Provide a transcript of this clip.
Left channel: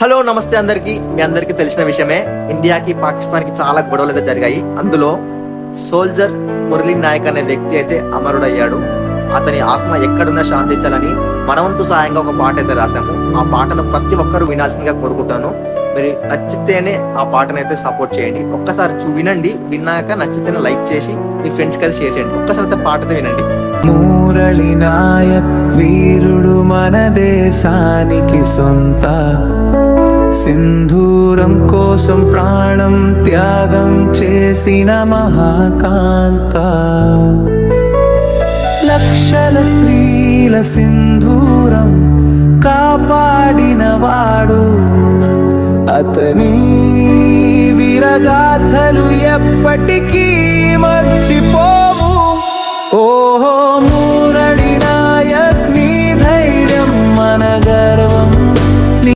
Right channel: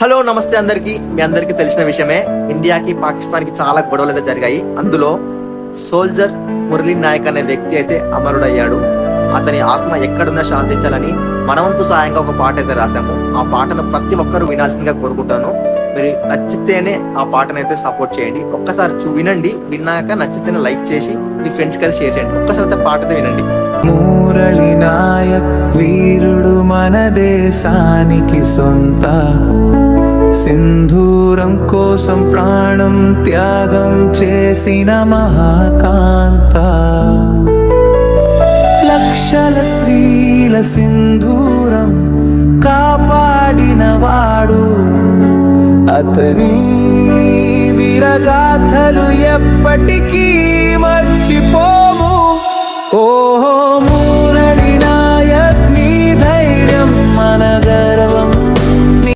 Hello నమస్తే అందరికి. మీ అందరికీ తెలిసిన విషయమే, ఇండియాకి పాకిస్తాన్కి చాలా గొడవలు అయితే జరిగాయి. అందులో సోల్జర్ మురళీ నాయక్ అనే వ్యక్తి అయితే అమరుడయ్యాడు. అతని ఆత్మ ఎక్కడున్నా శాంతించాలని మనవంతు సాయంగా ఒక పాట అయితే రాశాము. ఆ పాటను ప్రతి ఒక్కరూ వినాల్సిందిగా కోరుకుంటాను. మీరు నచ్చితేనే ఆ పాటను అయితే సపోర్ట్ చేయండి. ఒక్కసారి వినండి, విన్నాక నచ్చితేనే లైక్ చేసి మీ ఫ్రెండ్స్కి అయితే షేర్ చేయండి. ఒక్కసారి అయితే పాట అయితే వినండి. మురళి నాయక్ వీరుడు మన దేశానికి సొంత, సింధూరం కోసం ప్రాణం త్యాగం చేసిన మహాకాంత, లక్షల స్త్రీల సింధూరం కాపాడినవాడు. అతని వీరగాథలు ఎప్పటికీ మర్చిపోము. ఓహో మురళి నాయక్, నీ ధైర్యం మన గర్వం.